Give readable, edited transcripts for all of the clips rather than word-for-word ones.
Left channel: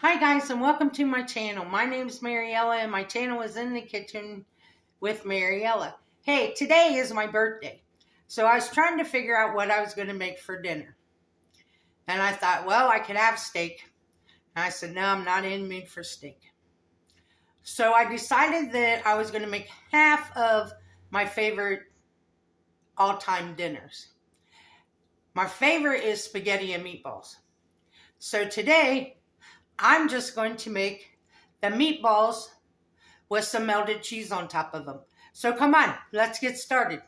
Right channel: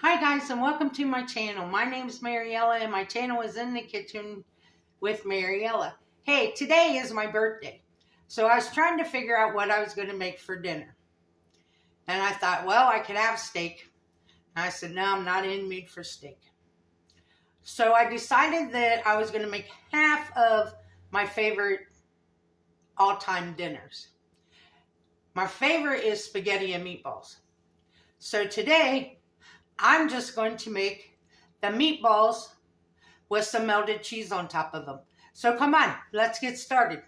Hi guys, and welcome to my channel. My name is Mariella and my channel is In the Kitchen with Mariella. Hey, today is my birthday. So I was trying to figure out what I was going to make for dinner. And I thought, well, I could have steak. And I said, no, I'm not in the mood for steak. So I decided that I was going to make half of my favorite all-time dinners. My favorite is spaghetti and meatballs. So today, I'm just going to make the meatballs with some melted cheese on top of them. So come on, let's get started.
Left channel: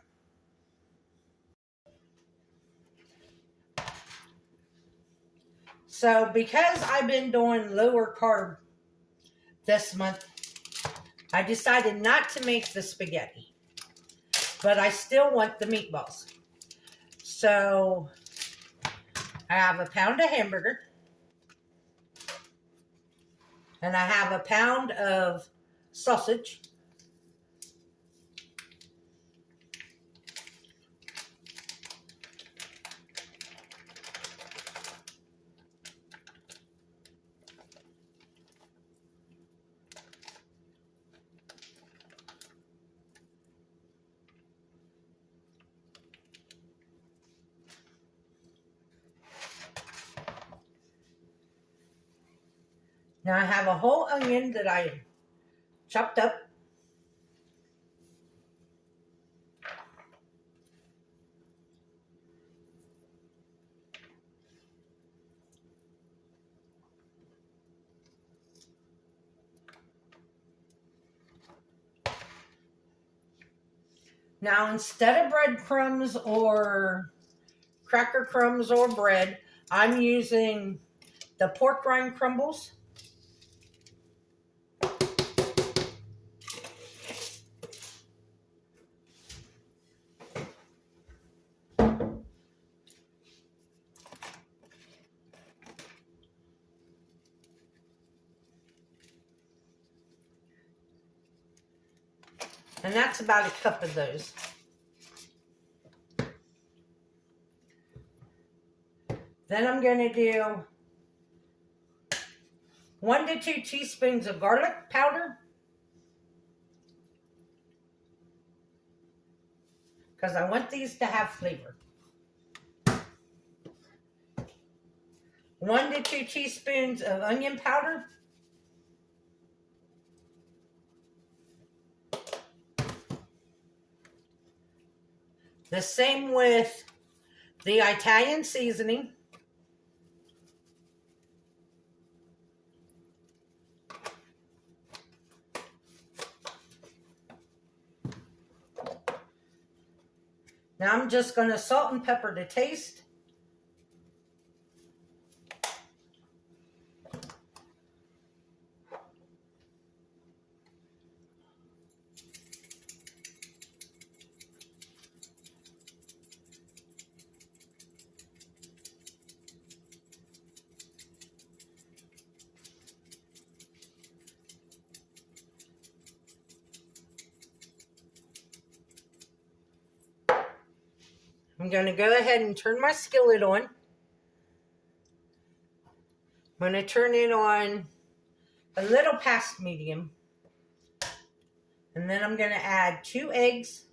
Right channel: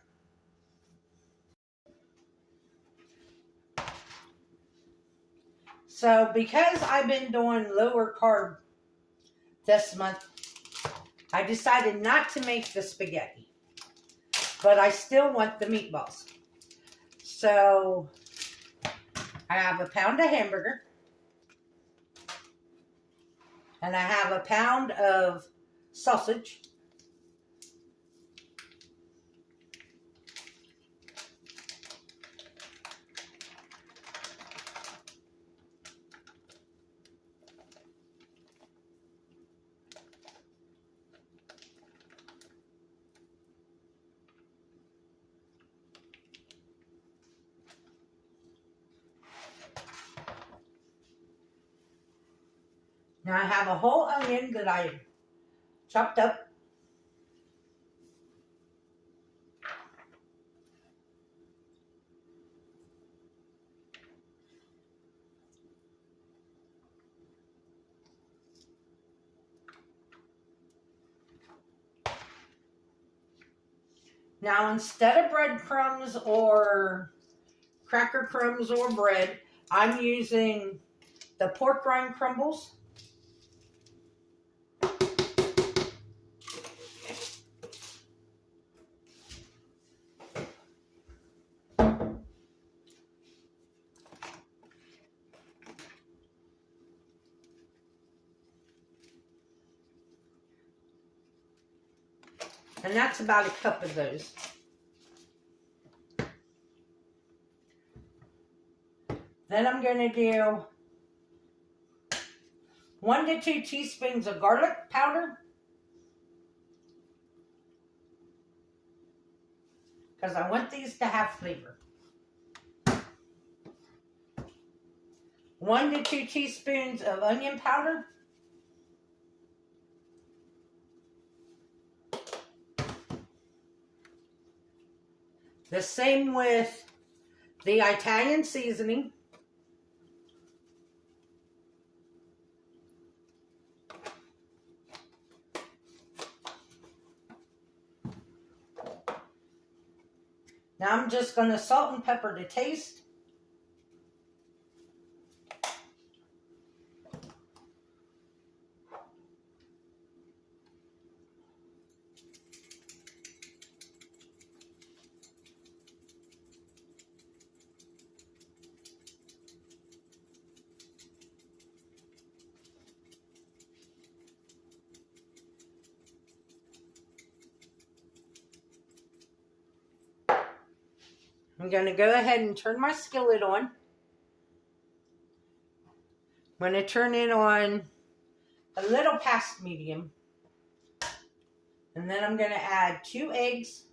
So because I've been doing lower carb this month, I decided not to make the spaghetti, but I still want the meatballs. So I have a pound of hamburger, and I have a pound of sausage. Now I have a whole onion that I chopped up. Now instead of breadcrumbs or cracker crumbs or bread, I'm using the pork rind crumbles. And that's about a cup of those. Then I'm going to do 1 to 2 teaspoons of garlic powder, because I want these to have flavor. 1 to 2 teaspoons of onion powder. The same with the Italian seasoning. Now I'm just going to salt and pepper to taste. I'm going to go ahead and turn my skillet on. I'm going to turn it on a little past medium. And then I'm going to add 2 eggs.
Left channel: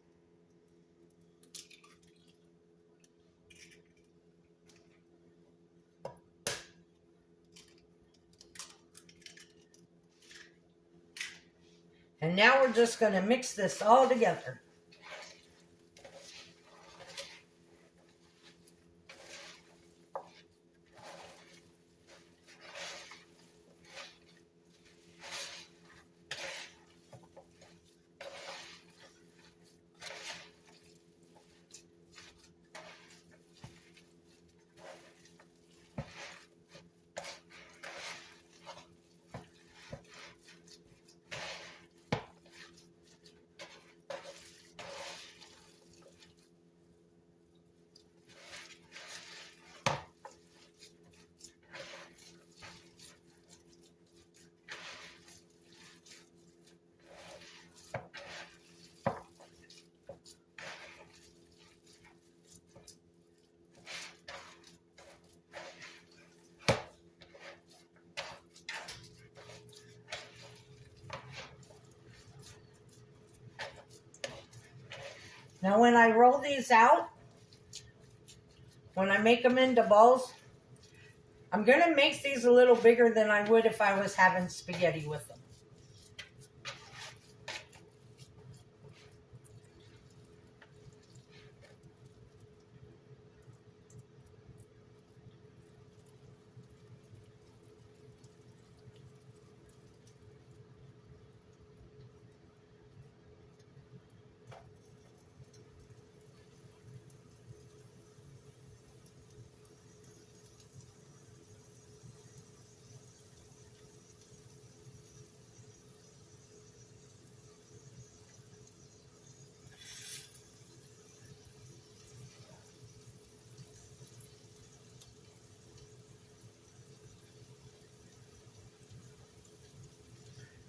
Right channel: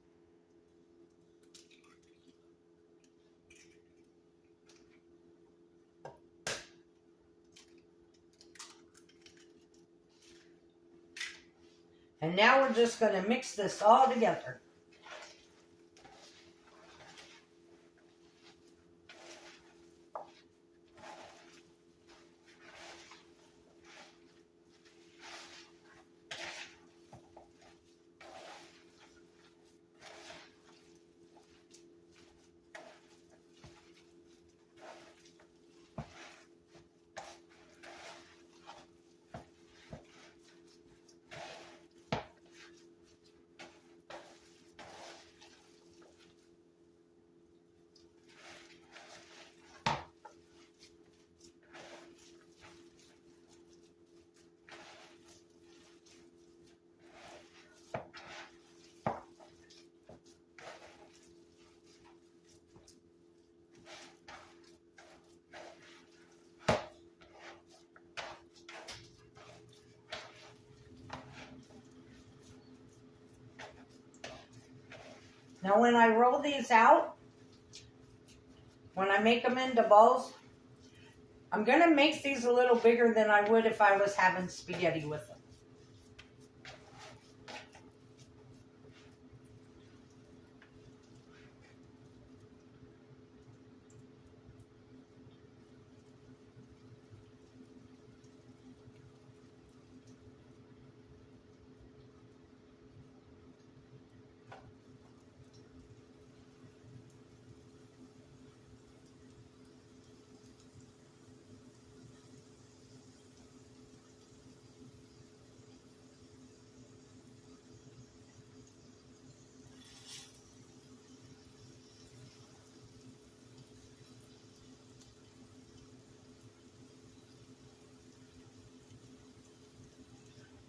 And now we're just going to mix this all together. Now when I roll these out, when I make them into balls, I'm going to make these a little bigger than I would if I was having spaghetti with them.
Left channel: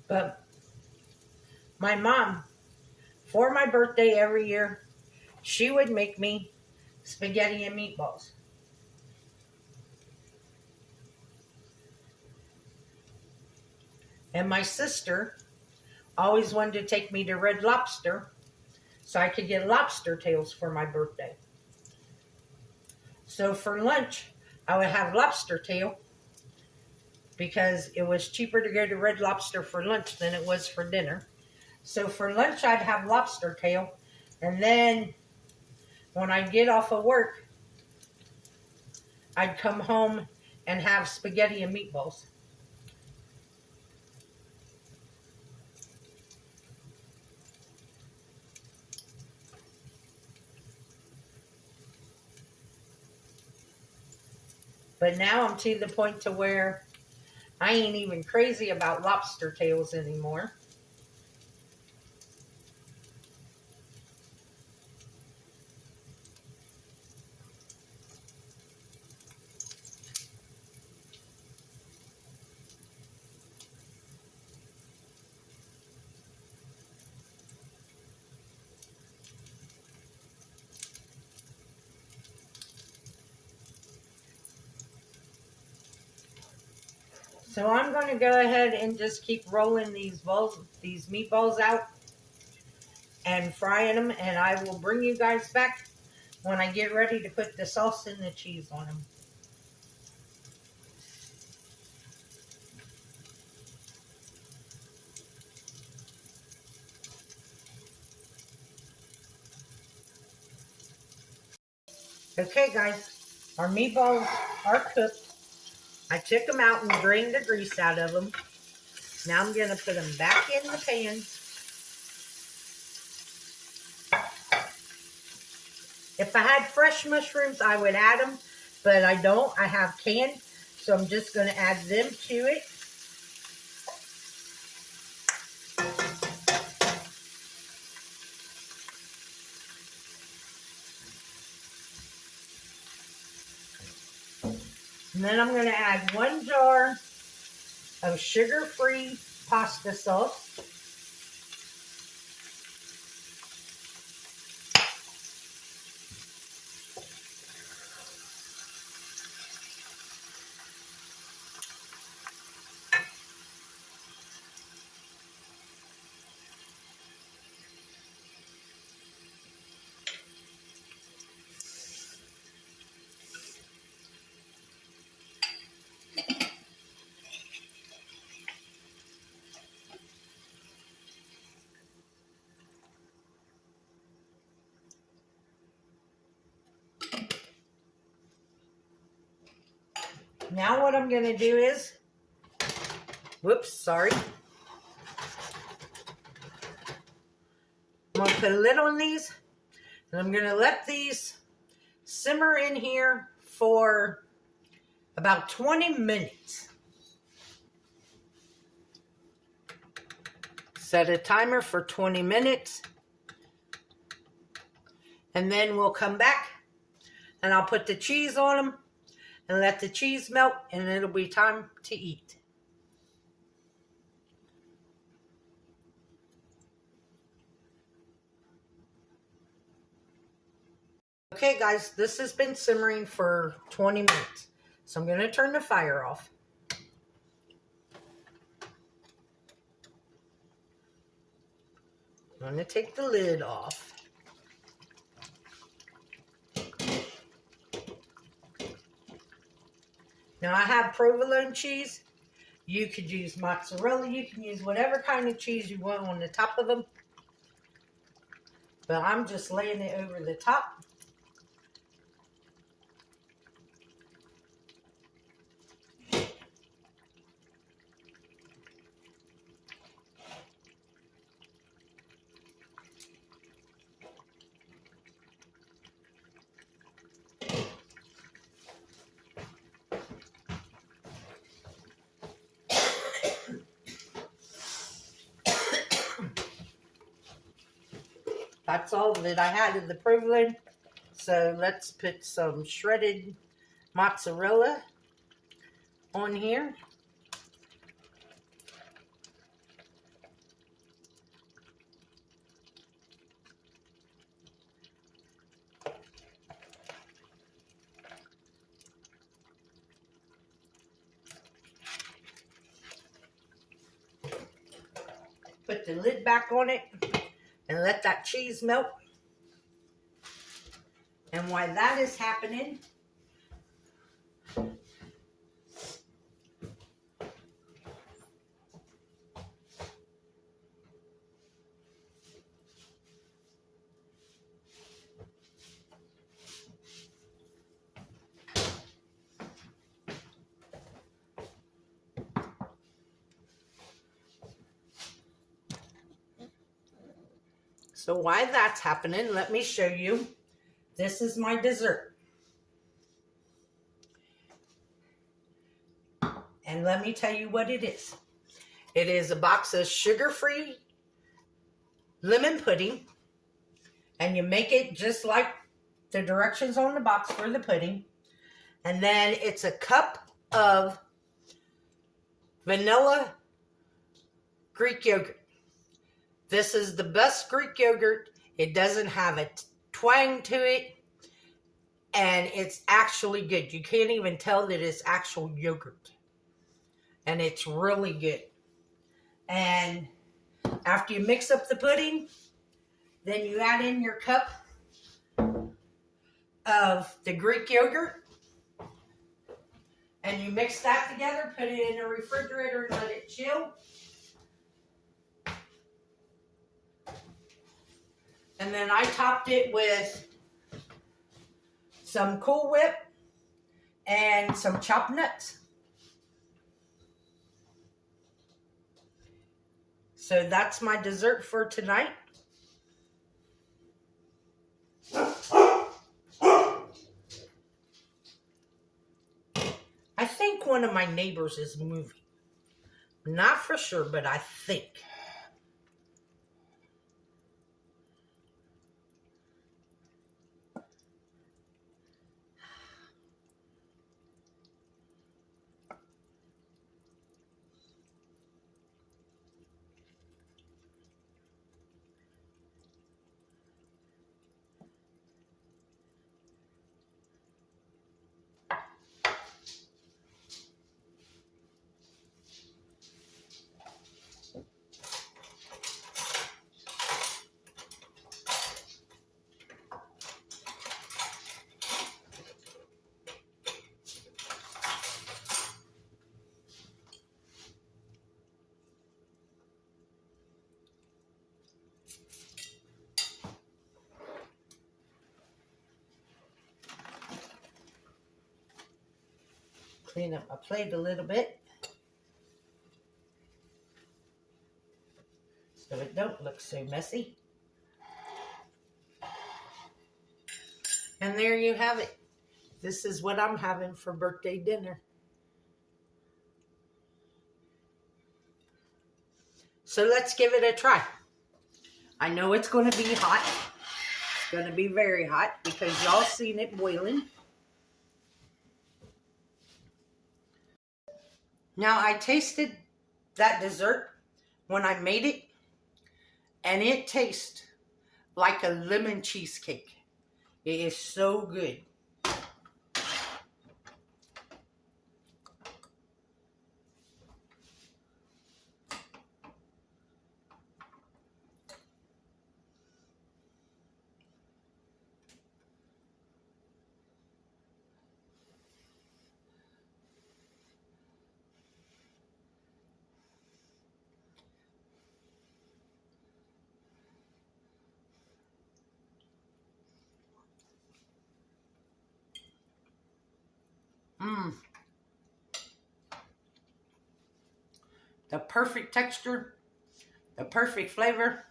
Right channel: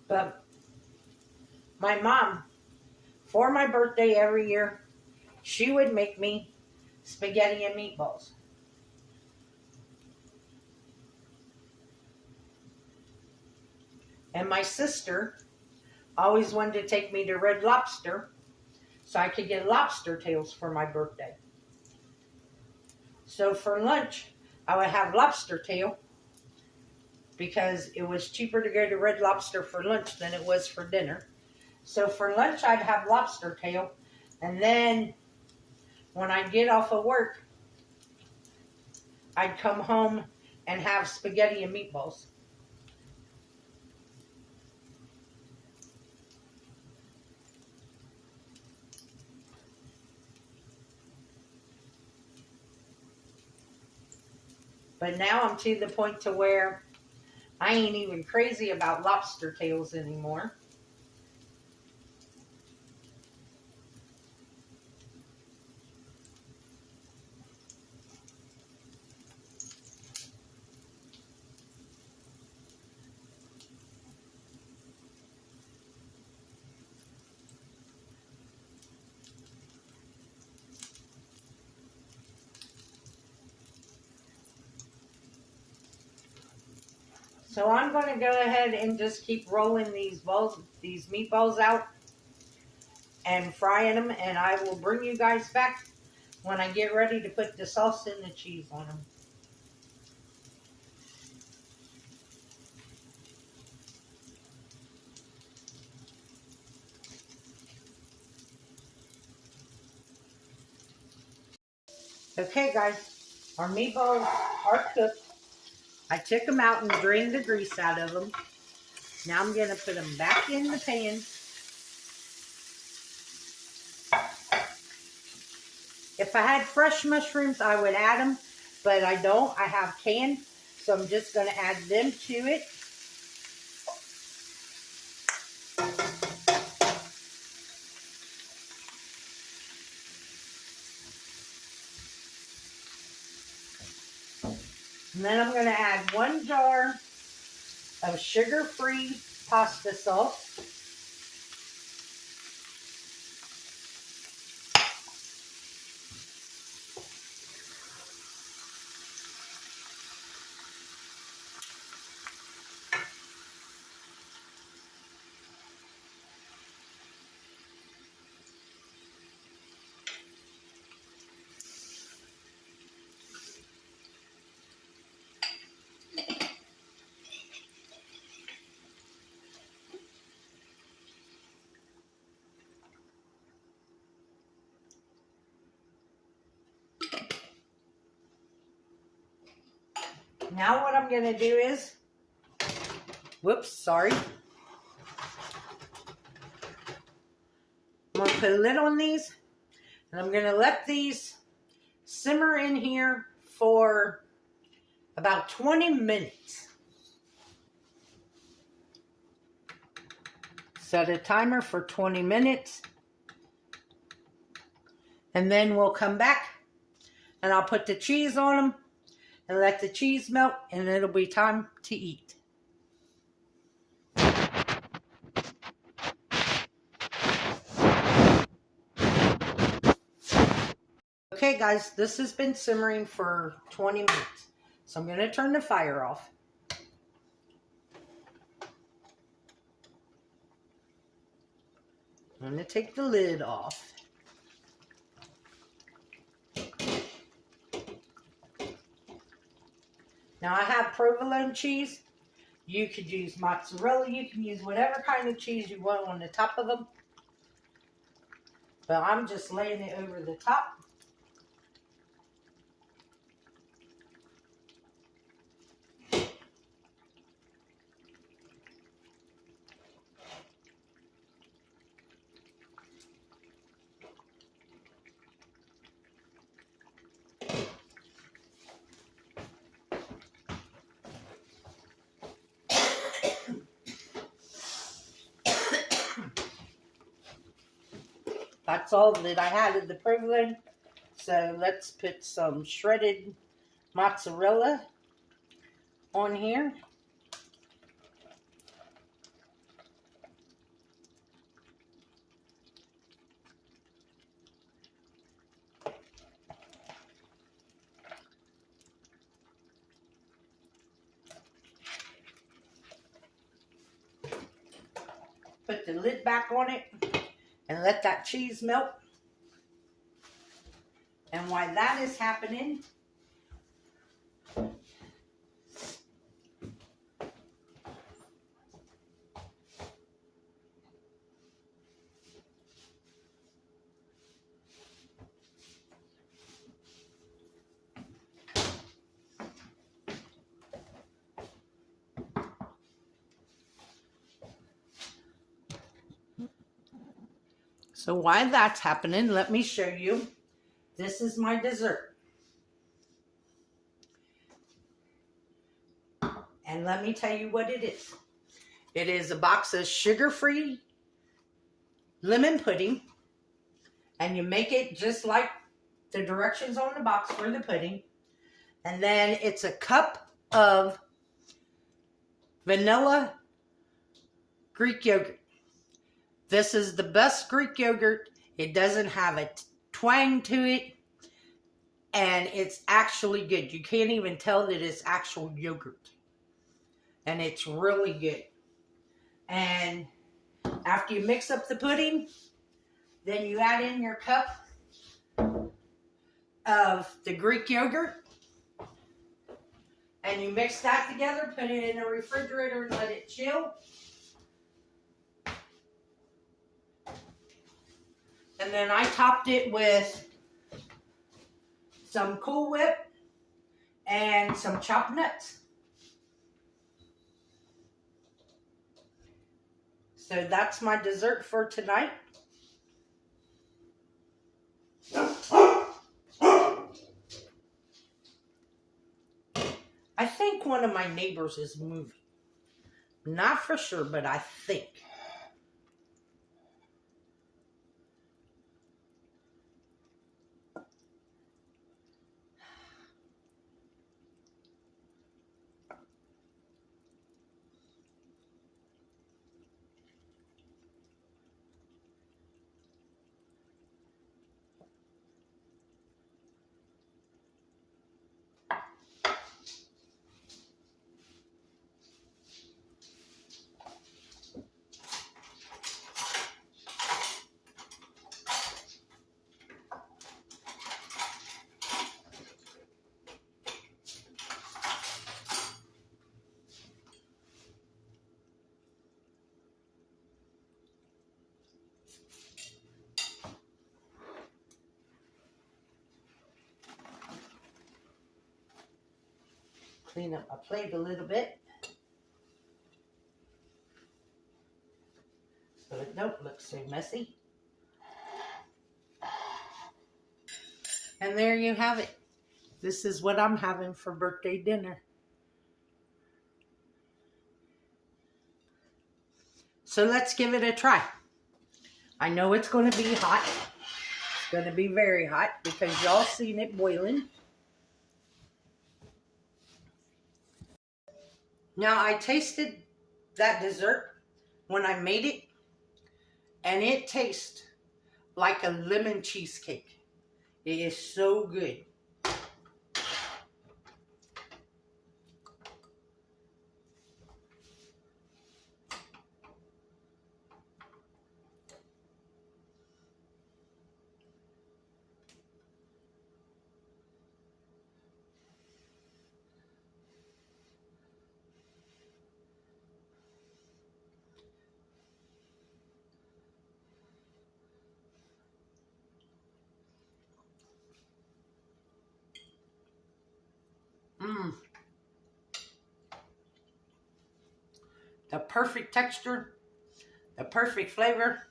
But my mom, for my birthday every year, she would make me spaghetti and meatballs. And my sister always wanted to take me to Red Lobster so I could get lobster tails for my birthday. So for lunch, I would have lobster tail because it was cheaper to go to Red Lobster for lunch than it was for dinner. So for lunch, I'd have lobster tail. And then when I'd get off of work, I'd come home and have spaghetti and meatballs. But now I'm to the point to where I ain't even crazy about lobster tails anymore. So I'm going to go ahead and just keep rolling these meatballs out and frying them, and I will bring you guys back when I get ready to put the sauce and the cheese on them. Okay guys, our meatballs are cooked. I took them out and drained the grease out of them. Now I'm going to put them back in the pan. If I had fresh mushrooms, I would add them, but I don't. I have canned, so I'm just going to add them to it. And then I'm going to add 1 jar of sugar-free pasta sauce. Now what I'm going to do is, whoops, sorry. I'm going to put a lid on these, and I'm going to let these simmer in here for about 20 minutes. Set a timer for 20 minutes. And then we'll come back, and I'll put the cheese on them and let the cheese melt, and it'll be time to eat. Okay guys, this has been simmering for 20 minutes. So I'm going to turn the fire off. I'm going to take the lid off. Now I have provolone cheese. You could use mozzarella. You can use whatever kind of cheese you want on the top of them. But I'm just laying it over the top. That's all that I had of the provolone. So let's put some shredded mozzarella on here. Put the lid back on it and let that cheese melt. And while that is happening, let me show you. This is my dessert. And let me tell you what it is. It is a box of sugar-free lemon pudding. And you make it just like the directions on the box for the pudding. And then it's a cup of vanilla Greek yogurt. This is the best Greek yogurt. It doesn't have a twang to it. And it's actually good. You can't even tell that it's actual yogurt. And it's really good. And after you mix up the pudding, then you add in your cup of the Greek yogurt. And you mix that together, put it in the refrigerator and let it chill. And then I topped it with some Cool Whip and some chopped nuts. So that's my dessert for tonight. I think one of my neighbors is moving. Not for sure, but I think. Clean up my plate a little bit so it don't look so messy. And there you have it. This is what I'm having for birthday dinner. So let's give it a try. I know it's going to be hot. It's going to be very hot because y'all seen it boiling. Now I tasted that dessert when I made it, and it tastes like a lemon cheesecake. It is so good. the perfect texture, the perfect flavor.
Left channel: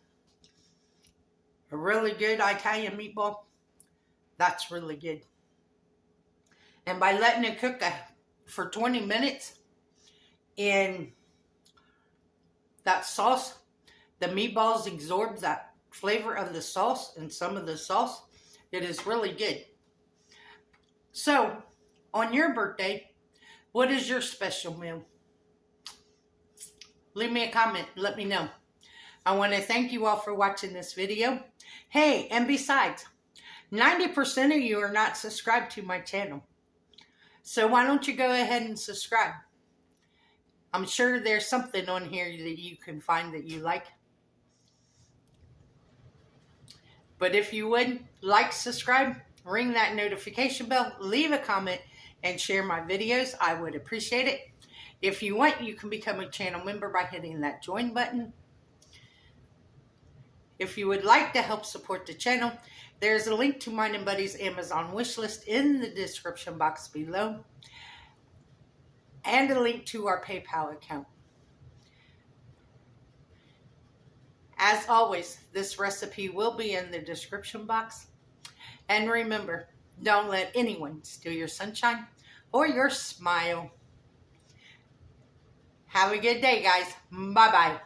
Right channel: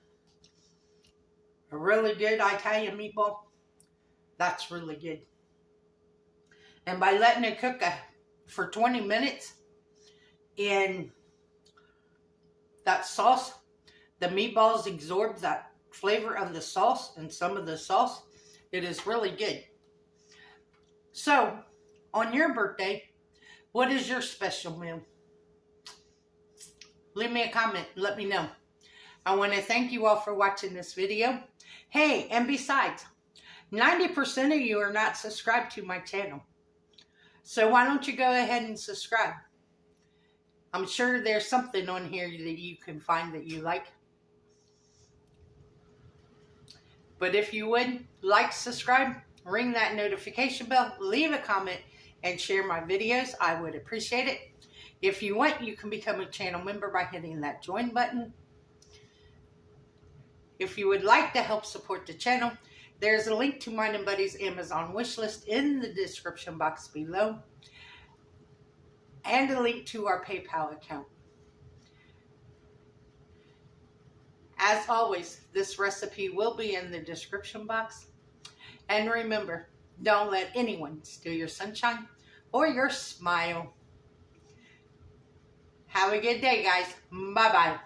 A really good Italian meatball. That's really good. And by letting it cook for 20 minutes in that sauce, the meatballs absorb that flavor of the sauce and some of the sauce. It is really good. So, on your birthday, what is your special meal? Leave me a comment. Let me know. I want to thank you all for watching this video. Hey, and besides, 90% of you are not subscribed to my channel. So why don't you go ahead and subscribe? I'm sure there's something on here that you can find that you like. But if you would, like, subscribe, ring that notification bell, leave a comment, and share my videos. I would appreciate it. If you want, you can become a channel member by hitting that join button. If you would like to help support the channel, there's a link to mine and Buddy's Amazon wishlist in the description box below, and a link to our PayPal account. As always, this recipe will be in the description box. And remember, don't let anyone steal your sunshine or your smile. Have a good day, guys. Bye-bye.